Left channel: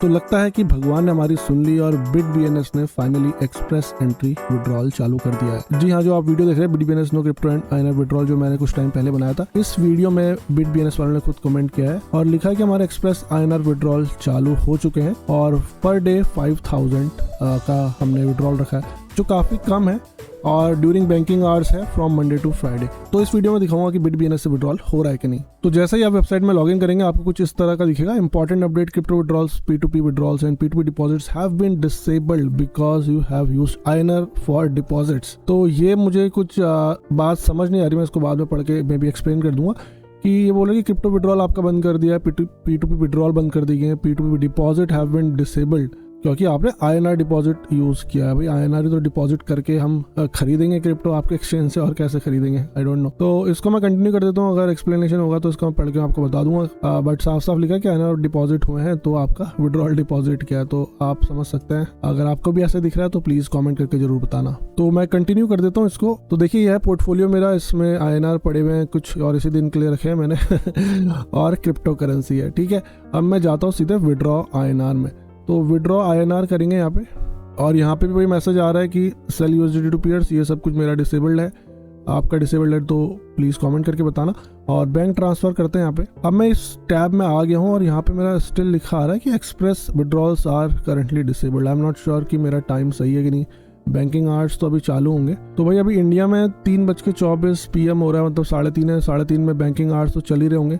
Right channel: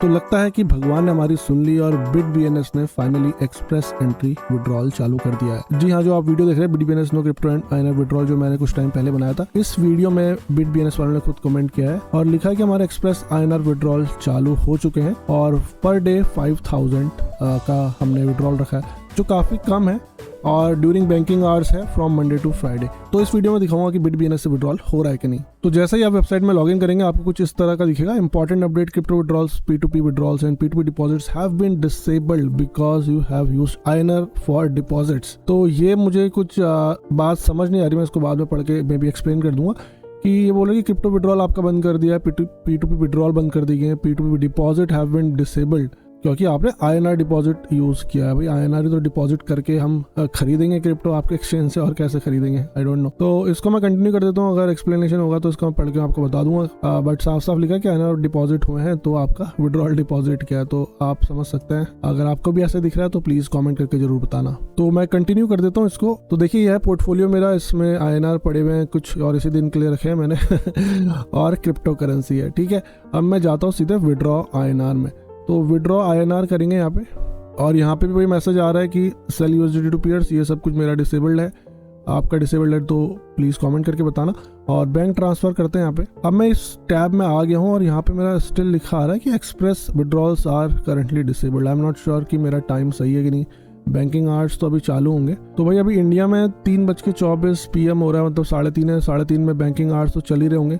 तो लगता है कि भगवान ने हमारी सुन ली और BitBNS ने फाइनली एक्सप्रेस एंट्री विड्रॉल चालू कर दिया है। जी हाँ, जो आप वीडियो देख रहे हैं BitBNS no crypto and INR withdrawal, जो मैंने कुछ टाइम पहले बनाया था, इस वीडियो में BitBNS वालों ने खुद कमेंट किया है और लिखा है कि हमारे एक्सप्रेस आईएनआर विड्रॉल चालू हो चुके हैं और पर डे 5000 का हमने विड्रॉल रखा है, जो काफी कम है और ड्यूरिंग बैंकिंग आवर्स है फ्रॉम मंडे टू फ्राइडे। तो इस वीडियो में दिखाऊंगा कि BitBNS से विड्रॉल हो रहा है कि नहीं। तो जैसे ही आप वेबसाइट में लॉगिन करेंगे आपको कुछ इस तरह का दिखेगा, important update, crypto withdrawals, P2P withdrawals and P2P deposits have been disabled because you have used INR for deposits. तो ये मुझे कुछ बात समझ नहीं आ रही, मैं इसको बाद में पढ़ के मैं भी एक्सप्लेन कर दूंगा कि ये बोल रहे कि क्रिप्टो विड्रॉल आपका बंद कर दिया है, P2P विड्रॉल बंद कर दिए हैं, P2P deposit have been disabled क्योंकि आपने आईएनआर डिपॉजिट यूज किया है। भाई आईएनआर तो डिपॉजिट करके हम खरीदेंगे क्रिप्टो आपके एक्सचेंज से, और कैसे खरीदेंगे आई डोंट नो। तो इसको मैं कंटिन्यू कर देता हूँ, अगर एक्सप्लेनेशन होगा तो इसको मैं पढ़ के आपको बता दूंगा। बट साफ साफ लिखा है कि आईएनआर डिपॉजिट हुए हैं तो आपका विड्रॉल डिपॉजिट क्या है, तो आप समझ सकते हैं। अगर आपको भी ऐसे दिख रहा है तो प्लीज कॉमेंट करके जरूर बताना। तो मैं कंटिन्यू कर देता हूँ इसको। तो देखिए यह है पोर्टफोलियो मेरा, इसमें आईएनआर पड़े हुए हैं कुछ और इसी दिन के लिए रखे हैं मैंने और क्रिप्टो करेंसी है, ठीक है। अब मैं जाता हूँ सीधे विड्रॉ आईएनआर में। तो विड्रॉ आईएनआर करेंगे यहाँ पे, और यहाँ पे भी वही मैसेज आ रहा है कि सेल यूएसडीटी टू पीयर्स, ये सब कुछ मेरा डिसेबल्ड है। आपका डिसेबल्ड है तो प्लीज कमेंट करके बताना। और बैंक ट्रांसफर करते हैं यहाँ पे। अब मैं इस टैब में आ गया हूँ और यहाँ पे मेरा स्टिल लिखा है कि express withdrawals are currently disabled. I am not sure कि मेरा टाइम सही है कि नहीं, बैंकिंग आवर्स तो अभी चालू होंगे। तो भाई अभी इंडिया में 3:24 PM हो रहा है, मतलब 3:30 है, 3:30 में बैंकिंग आवर्स तो चल ही रहे होंगे।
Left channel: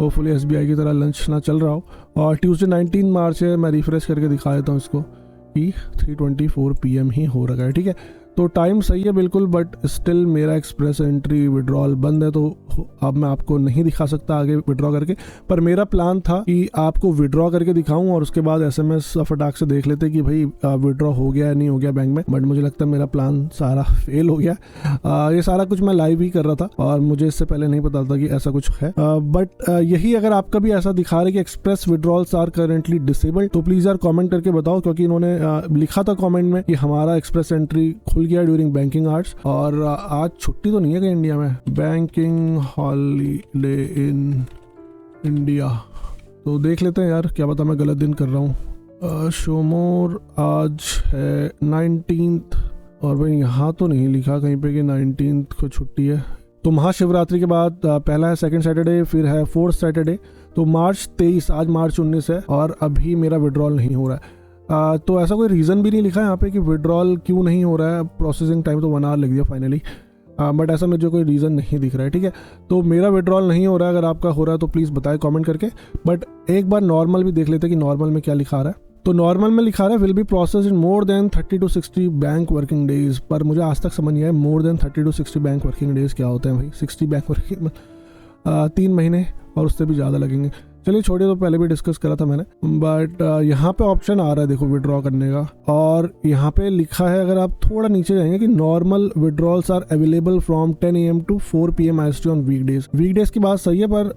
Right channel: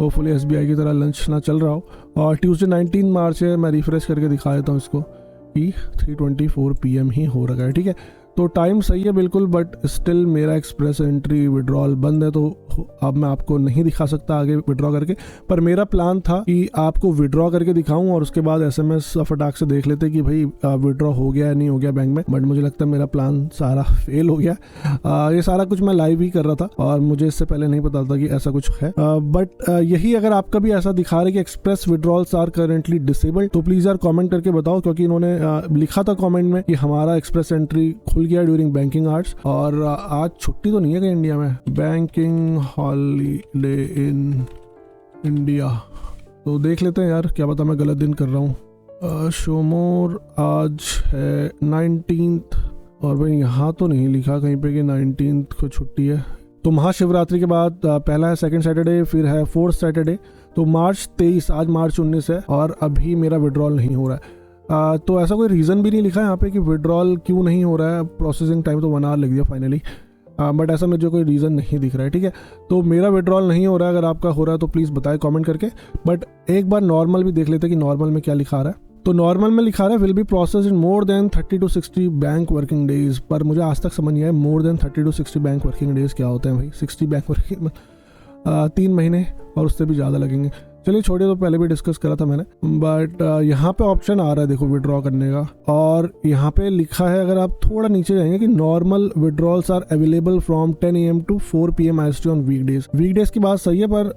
होपफुली SBI की तरह लंच ना चल रहा हो। और ट्यूसडे 19 मार्च है, मैं रिफ्रेश करके दिखा देता हूँ इसको कि 3:24 PM ही हो रहा है, ठीक है। तो टाइम सही है बिल्कुल, बट स्टिल मेरा एक्सप्रेस एंट्री विड्रॉल बंद है, तो अब मैं आपको नहीं दिखा सकता आगे विड्रॉ करके। पर मेरा प्लान था कि आपको विड्रॉ करके दिखाऊं और उसके बाद SMS फटाक से देख लेते कि भाई विड्रॉ हो गया या नहीं हो गया बैंक में। बट मुझे लगता है मेरा प्लान सारा फेल हो गया। ये सारा कुछ मैं लाइव ही कर रहा था और मुझे इससे पहले नहीं पता था कि ऐसा कुछ है। बट यही अगर आपका भी ऐसा दिखा रहा है कि express withdrawals are currently disabled, तो प्लीज यार कॉमेंट करके बताओ, क्योंकि इन्होंने लिखा था कॉमेंट में कि हमारा एक्सप्रेस एंट्री खुल गया ड्यूरिंग बैंकिंग आवर्स। और आज छुट्टी तो नहीं है कि इंडिया में, बैंकिंग हॉलीडे इन इंडिया। तो देख लेते हैं यार, क्या पता मैं गलत दिन कर रहा हूँ। शोमोर आज है 19th और भाई यहाँ तो नहीं लिखा कहीं पे कि 19th को छुट्टी है। तो महाशिवरात्रि के बाद पहला है सेकंड सैटरडे, फिर है फोर्थ सैटरडे। तो मार्च 23, आज मार्च 19 है और अभी मेरा विड्रॉल नहीं हो रहा है। तो ऐसा कोई रीज़न भी नहीं लिखा है यहाँ पे कि विड्रॉल क्यों नहीं हो रहा है। प्रोसेसिंग टाइम तो 1 hour लग गया फाइनली, बट ऐसा मुझे कोई रीज़न नहीं दिख रहा है, ठीक है। तो मेरा विड्रॉल नहीं हो रहा है, अगर आपका हो रहा है तो प्लीज़ बताएं कमेंट करके। बट एक बार नॉर्मल भी देख लेते हैं कि नॉर्मल में क्या लिखा रहा है। तो नॉर्मल में लिखा रहा है will be process in more than 30 to 60 bank working days. पर मुझे आज तक समझ नहीं आया more than 30 to 60 bank working days क्या होते हैं भाई। 60 बैंक वर्किंग 3 महीने और उससे भी ज़्यादा लगेंगे। चलिए छोड़िए, तो पहले भी डिस्कस करा था मैंने। बट यहाँ पे ऑप्शन आ रहा है देखो विड्रॉ करने का, और यहाँ पे लिखा है, अगर आप थोड़ा नीचे जाएंगे, कि normal withdrawals are available from 10 AM to 4 PM IST on weekdays. Weekdays की बात सही है, पर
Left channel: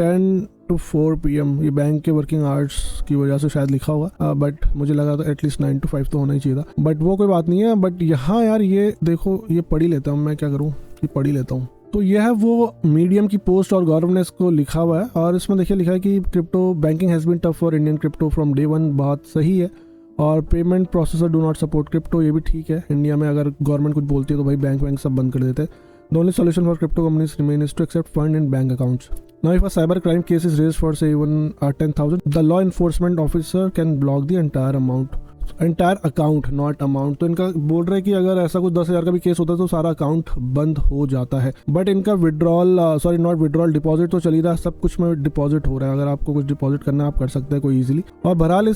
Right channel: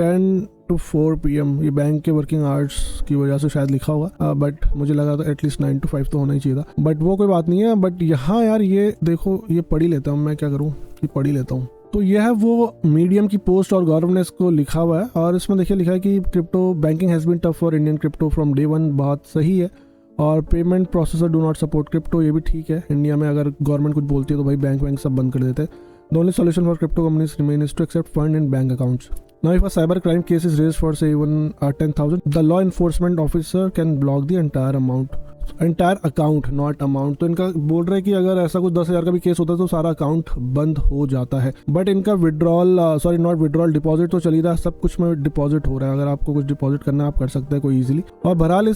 10 to 4 PM ये बैंक के वर्किंग आवर्स की वजह से शायद लिखा होगा। बट मुझे लगा था एटलीस्ट 9 to 5 तो होना ही चाहिए था, बट वो कोई बात नहीं है। बट यहाँ यार ये देखो, ये पढ़ ही लेता हूँ, मैं क्या करूँ, ये पढ़ ही लेता हूँ। तो यह है वो मीडियम की पोस्ट और गवर्नेंस को लिखा हुआ है, और इसमें देखिए लिखा है कि crypto banking has been tough for Indian crypto from day 1। बात सही है। और payment processor do not support crypto, ये भी ठीक है। इंडिया में अगर गवर्नमेंट कुछ बोलती है तो भाई बैंक सब बंद कर देते हैं। The only solution for crypto companies remain is to accept fund in bank accounts. Now, if a cyber crime case is raised for say even 10,000, the law enforcement officer can block the entire amount. Entire account not amount. तो इनका बोल रहे हैं कि अगर ऐसा कुछ 10,000 का भी केस होता है तो सारा अकाउंट बंद हो जाता है। बट इनका withdrawal, sorry not withdrawal, deposit तो चल ही रहा है, सब कुछ में डिपॉजिट हो रहा है। अगर आपको कुछ डिपॉजिट करना है आप कर सकते हैं कोई इजीली। और बहरहाल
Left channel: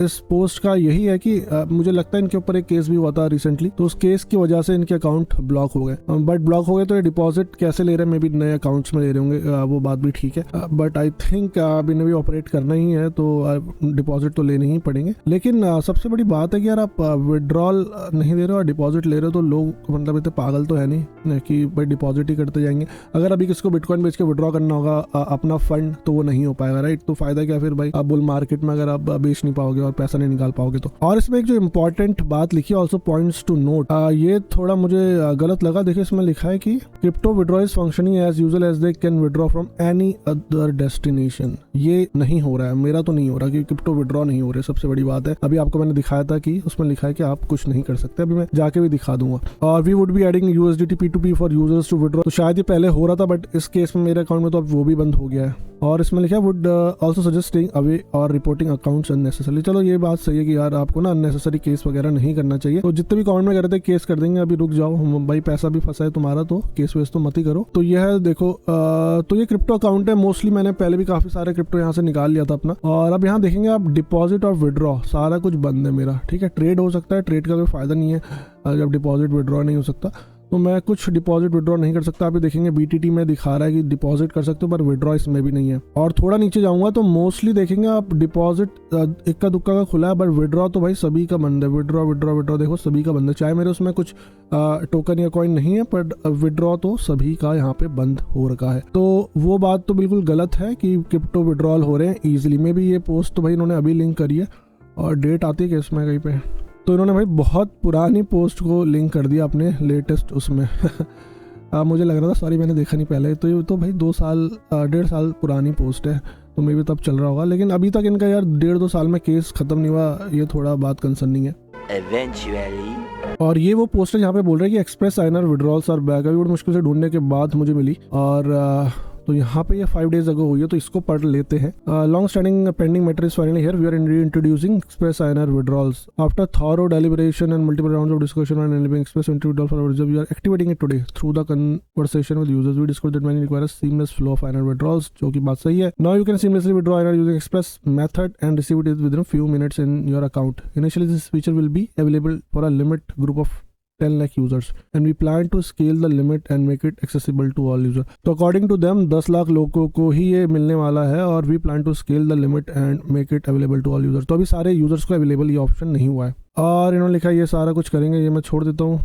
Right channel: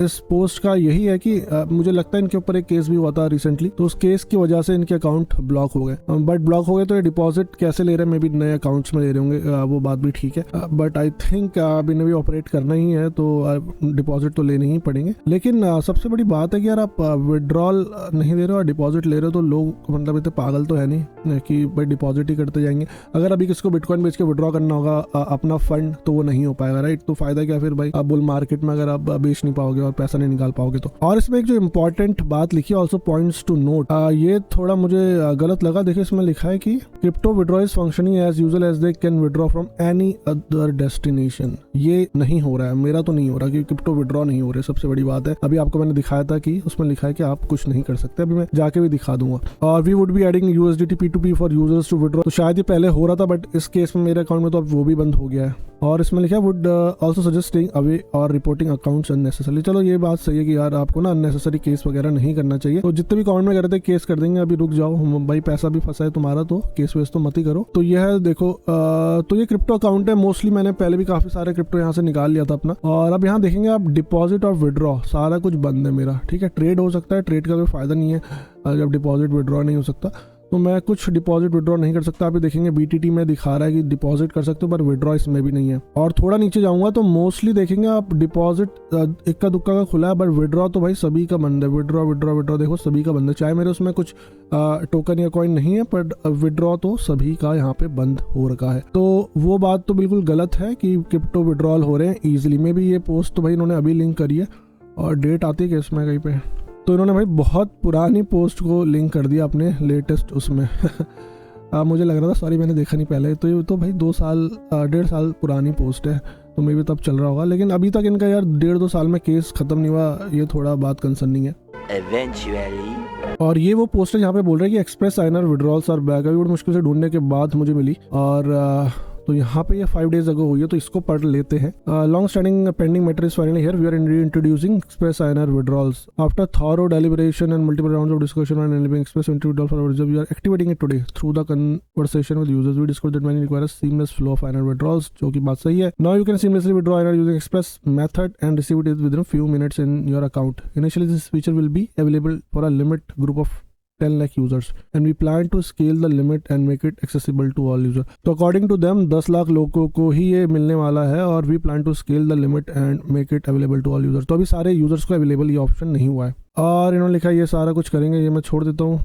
इस पोस्ट का यही है कि मुझे लगता है इनके ऊपर एक केस भी हुआ था रिसेंटली, तो उस केस की वजह से इनके अकाउंट ब्लॉक हो गए। बट ब्लॉक हो गए तो ये डिपॉजिट कैसे ले रहे हैं, मे बी नए अकाउंट्स में ले रहे होंगे, वो बात भी ठीक है। बट आई थिंक अब इन्हें भी ऑपरेट करना ही है तो डिपॉजिट तो लेने ही पड़ेंगे। लेकिन सबसे बड़ी बात है कि यार आप विड्रॉल नहीं दे रहे हो और डिपॉजिट ले रहे हो, तो लोग मतलब इतने पागल तो है नहीं कि भाई डिपॉजिट ही करते जाएंगे। अगर अभी किसको बिटकॉइन बेच के विड्रॉ करना होगा अपना फंड, तो वो नहीं हो पाएगा, राइट। तो फायदा क्या फिर भाई, आप बुल मार्केट में अगर आप बेच नहीं पाओगे और पैसा नहीं निकाल पाओगे तो। और इसमें एक जो इम्पोर्टेंट बात लिखी है, ऑल्सो पॉइंट्स टू नोट, ये थोड़ा मुझे गलत लगा। देखिए इसमें लिखा है कि crypto withdraw is functioning as usual as they can withdraw from any other destination. ये नहीं हो रहा है, मेरा तो नहीं हो रहा कि क्रिप्टो विड्रॉ नहीं हो रहे, सबसे बड़ी बात है। अभी आपको मैंने दिखाया था कि उसमें लिखा है कि आप कुछ नहीं कर सकते, अभी मैं जाके भी दिखा दूंगा। और we would be adding USDT P2P for users to withdraw, तो शायद ये पहले हो रहा था बट इस केस में मेरे अकाउंट में तो वो भी बंद हो गया है। और इसमें लिखा है would also suggest staying away और रिपोर्टिंग अकाउंट्स अननेसेसरी। चलो ये बात सही है कि यार आपको ना अननेसेसरी केस वगैरह नहीं करना चाहिए। तो जितने भी कमेंट में कर रहे थे केस कर देंगे, अभी रुक जाओ भाई, पैसा भी फंसा है तुम्हारा तो केस वेस तो मत ही करो। तो ये है देखो, तो ये क्रिप्टो अकाउंट है। मोस्टली मैंने पहले भी काफी सारे क्रिप्टो यहाँ से निकाल लिया था अपना। और अब यहाँ देखेंगे आप डिपॉजिट और विड्रॉ सारा कुछ बंद है मेरा, ठीक है। ट्रेड हो सकता है, ट्रेड का कोई फायदा नहीं है जब डिपॉजिट विड्रॉ नहीं हो सकता, तो मैं कुछ डिपॉजिट विड्रॉ नहीं कर सकता। अभी देखेंगे BTT में दिखा रहा है कि डिपॉजिट कर सकते हो पर विड्रॉ इसमें भी नहीं है। और थोड़ा नीचे जाऊंगा तो मोस्टली देखेंगे आप डिपॉजिट इक्का दुक्का का खुला है, बट विड्रॉ तो भाई सभी का बंद है। विड्रॉ देखो सभी का बंद है, चाहे मेरे उसमें कुछ टोकन या कॉइन नहीं है, बट विड्रॉ तो सभी का यहाँ पे बंद हो रखा है। तो वो बात तो बिल्कुल गलत है कि क्रिप्टो विड्रॉल हो रहे हैं इजीली। में भी ये पोस्ट तो भाई इन्होंने अभी लिंक करी है और डेट आती है कि इसमें कहीं पे, तो इन्होंने भाई बहुत पुरानी पोस्ट को लिंक कर दिया अपने लेटेस्ट उसमें। मुझे लग रहा था, सॉरी मैंने देखा नहीं पहले, तो ये तो भाई 1.5 साल पुरानी पोस्ट है, तो मे भी तब चल रहा होगा। लेकिन अभी तक इनका यार 1.5-2 साल में केस खत्म नहीं हुआ, ये थोड़ा बात कंसर्निंग है। Eventually. और ये वो पोस्ट है जहाँ पे बोल रहे हैं कि एक्सप्रेस साइनर विड्रॉल्स और बैग, अभी बड़ी मुश्किल से ढूंढने के बाद मुझे मिली। और तो यहाँ पे ये 5 days अगो हुई है, तो इसको पढ़ लेते हैं। Long standing pending matter is finally here, we are introducing express signer withdrawals after thorough deliberation and multiple rounds of discussion on enabling express entry withdrawal for users. We are activating it today through the conversation with users. We discovered that many require a seamless flow of INR withdrawals, जो कि बात सही है। Now you can seamlessly withdraw INR using express method and receive it within a few minutes in your account. Initially this feature will be available for a limit group of 10 lakh users and we plan to scale the limit and make it accessible to all users. तो according to them 10 lakh लोगों को ही ये मिलने वाला है और we plan to scale the limit and make it available to all users. तो अभी सारे users को अवेलेबल ये ऑप्शन नहीं हुआ है। और इन्होंने लिखा ये सारा कुछ करेंगे, ये मैं छोड़ देता हूँ।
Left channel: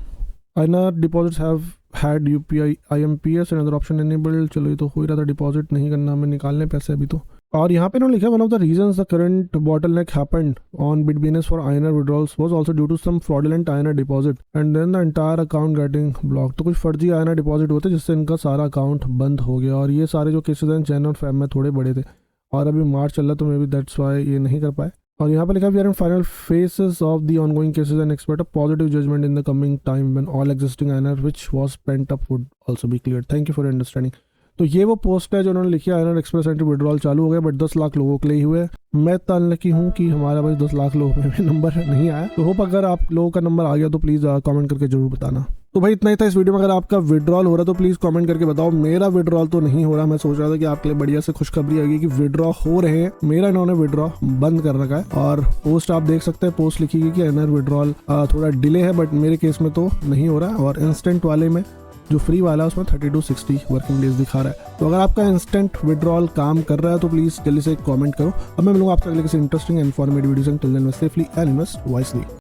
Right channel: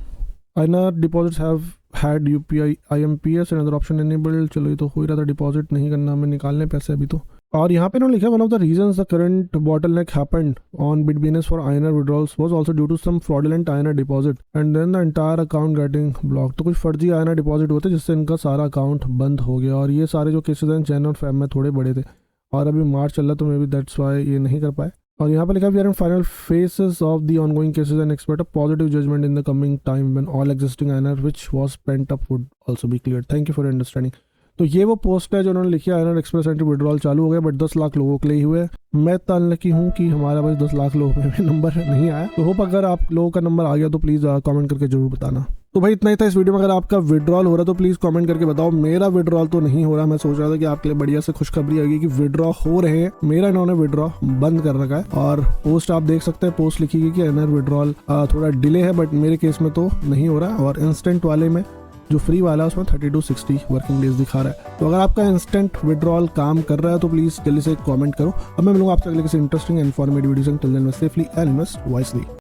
INR deposits have had UPI IMPS and other option enabled। चलो ये तो हो ही रहा था, डिपॉजिट नहीं करना हमें, निकालने पैसे अभी तो। और यहाँ पे इन्होंने लिखा one of the reasons the current bottleneck happened on BitBNS for INR withdrawals was also due to some fraudulent INR deposit and then the entire account getting blocked। तो कुछ फर्जी INR डिपॉजिट होते जिससे इनका सारा अकाउंट बंद हो गया। और ये सारे जो केसेस हैं चैनल फैब में थोड़े बड़े थे और अभी मार्च चल रहा, तो मे बी दैट्स व्हाई ये नहीं कर पाए। और यहाँ पे लिखा we are in final phases of the ongoing cases and expect a positive judgement in the coming time when all existing INR which was pent up would also be cleared. Thank you for understanding. तो ये वो post है जो उन्होंने लिखी है, INR express entry withdrawal चालू हो गया, बट 10 लाख लोगों के लिए हुए। मैं तो अनलकी हूँ कि हमारा भाई 10 लाख लोगों में नंबर नहीं आया। तो होप अगर आप लोगों का नंबर आ गया तो प्लीज़ कमेंट करके जरूर बताना। तो भाई इतना ही था इस वीडियो में। अगर आपका विड्रॉल हो रहा है तो प्लीज़ कमेंट करके बताओ। मेरा विड्रॉल तो नहीं हो रहा, मैं सोच रहा था कि आपके लिए बढ़िया से खुशखबरी आ गई कि विड्रॉ हो रहे हैं। मेरा इन्होंने विड्रॉ बंद कर रखा है और पोस्ट आप देख सकते हैं, पोस्ट लिखी गई कि INR विड्रॉल थोड़ा डिले है, बट मेरे केस में तो नहीं हो रहा है। और इंस्टेंट वाले में जो फ्री वाला है उसमें 30 to 60 वर्किंग डेज दिखा रहा है। तो अगर आपका इंस्टेंट विड्रॉल काम कर रहा है तो प्लीज़ जल्दी से कमेंट करो। अब मैं मिलूंगा आपसे अगले किसी इंटरेस्टिंग इन्फॉर्मेटिव वीडियो से। Till then safely and invest wisely.